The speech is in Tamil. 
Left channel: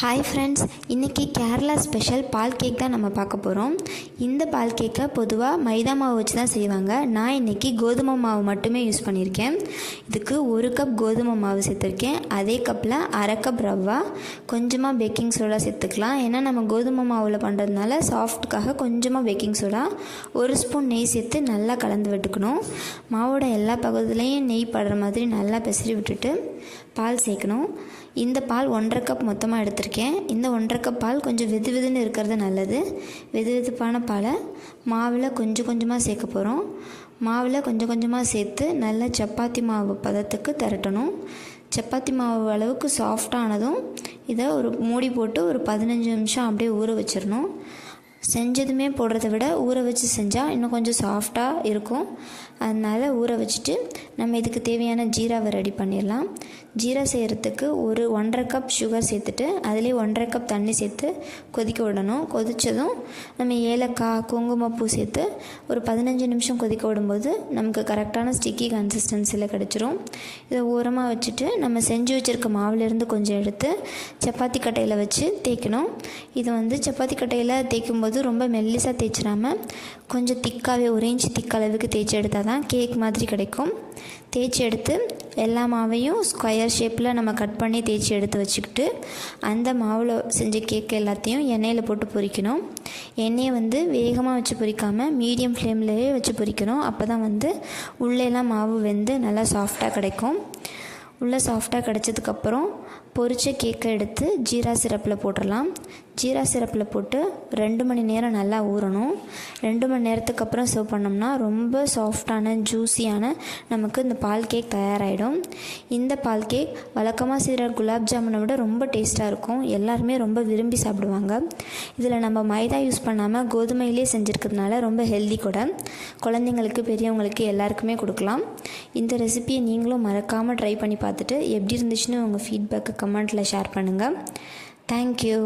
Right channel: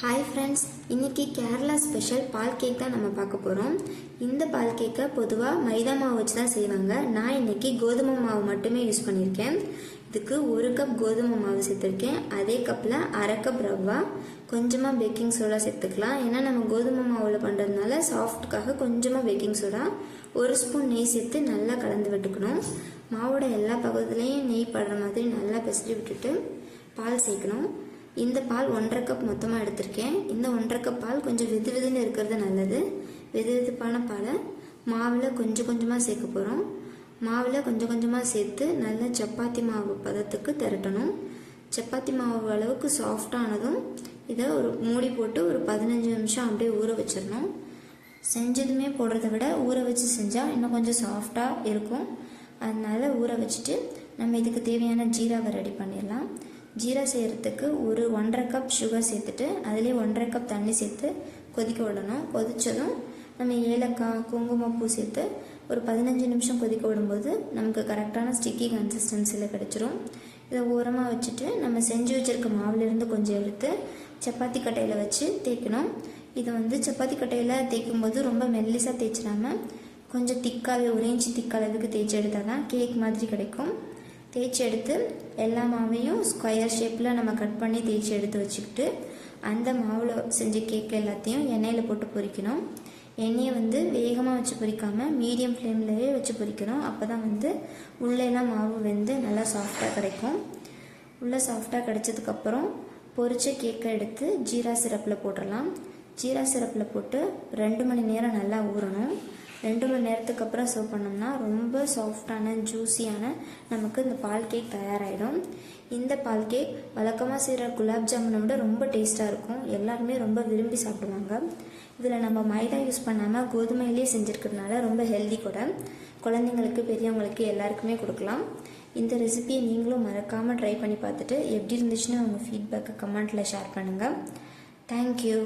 ஹாய் ஃப்ரெண்ட்ஸ், இன்றைக்கி கேரளா ஸ்பெஷல் பால் கேக் தான் நம்ம பார்க்க போகிறோம். இந்த பால் கேக்கை பொதுவாக மைதா மாவு வச்சு தான் செய்வாங்க. நான் இன்றைக்கி கோதுமை மாவு மட்டுமே யூஸ் பண்ணியிருக்கேன். இதுக்கு 1 கப் கோதுமை மாவு சேர்த்துருக்கேன். அதே கப்பில் அரை கப் ரவா, கொஞ்சமாக பேக்கிங் சோடா சேர்த்துக்கலாம். ஏன்னா நம்ம கோதுமை மாவில் பண்ணுறதுனால சாஃப்ட்டுக்காக கொஞ்சமாக பேக்கிங் சோடா, 1 ஸ்பூன் நெய் சேர்த்து நல்லா கலந்து விட்டுக்கணும். மாவோட எல்லா பகுதியிலையும் நெய் படுற மாதிரி நல்லா பிசறி விட்டுட்டு பால் சேர்க்கணும். இந்த பால் 1.5 கப் மொத்தமாக எடுத்திருக்கேன். இந்த 1.5 கப் பால் கொஞ்சம் வெது வெதுன்னு இருக்கிறது நல்லது. வெது வெதுப்பான பாலை மாவில் கொஞ்சம் கொஞ்சமாக சேர்க்க போகிறோம். மாவில் கொஞ்சம் கொஞ்சமாக சேர்த்து நல்லா சப்பாத்தி மாவு பதத்துக்கு திரட்டணும். சப்பாத்தி மாவு அளவுக்கு சாஃப்டானதும் இதை ஒரு மூடி போட்டு ஒரு 15 நிமிஷம் அப்படியே ஊற வச்சிடணும். செஞ்சதுமே போடுறத விட ஊற வச்சு செஞ்சால் இன்னும் கொஞ்சம் சாஃப்டாக இருக்கும். அதனால் ஊற வச்சுட்டு நம்ம இதுக்கு தேவையான ஜீராவை ரெடி பண்ணிடலாம். ஜீரா செய்கிறதுக்கு ஒரு 1.5 கப் சுகர் சேர்த்துட்டு அதுலேயே 1.5 கப் தண்ணி சேர்த்து கொதிக்க விடணும். கொதித்ததும் நம்ம ஏலக்காய், குங்குமப்பூ சேர்த்து ஒரு 15 நிமிஷம் கொதிக்க விடும்போது நமக்கு கரெக்டான ஸ்டிக்கி கன்சிஸ்டன்சியில் கிடச்சிரும். இதை ஓரமாக வச்சுட்டு நம்ம செஞ்சு வச்சுருக்க மாவுலேருந்து கொஞ்சம் எடுத்து சப்பாத்தி கட்டையில் வச்சு தேய்க்கணும். இதை சப்பாத்தி கட்டையில் தேய்க்கும்போது ரொம்ப மெல்லிசாக தேய்ச்சிடாமல் கொஞ்சம் திக்காகவே 1 இன்ச் திக்களவுக்கு தேய்ச்சி எடுத்தால் தான் கேக் மாதிரி கிடைக்கும். தேய்ச்சி எடுத்து எல்லா மாவையும் ஸ்கொயர் ஷேப்பில் நம்ம கட் பண்ணி தேய்ச்சி எடுத்து வச்சுக்கிட்டு அந்த மாவில் செஞ்ச கேக் எல்லாத்தையும் எண்ணெயில் போட்டு பொரிக்கணும். எண்ணெயை வேகமாக வச்சு பொரிக்காமல் மீடியம் ஃப்ளேம்லேயே வச்சு பொரிக்கணும். அப்போ தான் உள்ளேலாம் மாவு வெந்து நல்லா சாஃப்டாக கிடைக்கும். உள்ளே சாஃப்டாக கிடச்சதுக்கப்புறம் பொரிச்ச கேக்கை எடுத்து ஜீரா சிரப்பில் போட்டுடலாம். ஜீரா சிரப்பில் போட்டு 2 மணி நேரம் நல்லா ஊறணும். 2 மணி நேரத்துக்கு அப்புறம் சர்வ் பண்ணோம்னா ரொம்ப சாஃப்டான ஜூஸியான நமக்கு இந்த பால் கேக் தயாராகிடும். இந்த பால் கேக் வழக்கமாக செய்கிற குலாப் ஜாமுனை விட ரொம்ப டேஸ்ட்டாக இருக்கும். எல்லாருமே ரொம்ப விரும்பி சாப்பிடுவாங்க. இதில் நம்ம மைதா யூஸ் பண்ணாமல் கோதுமையிலே செஞ்சுருக்கிறதுனால ரொம்ப ஹெல்தி கூட. குழந்தைங்களுக்கு, பெரியவங்களுக்கு எல்லாருக்குமே கொடுக்கலாம். இந்த ரெசிபியை நீங்களும் மறக்காமல் ட்ரை பண்ணி பார்த்துட்டு எப்படி இருந்துச்சுன்னு உங்கள் ஃபீட்பேக்கை கமெண்ட்டில் ஷேர் பண்ணுங்கள். தேங்க்யூ.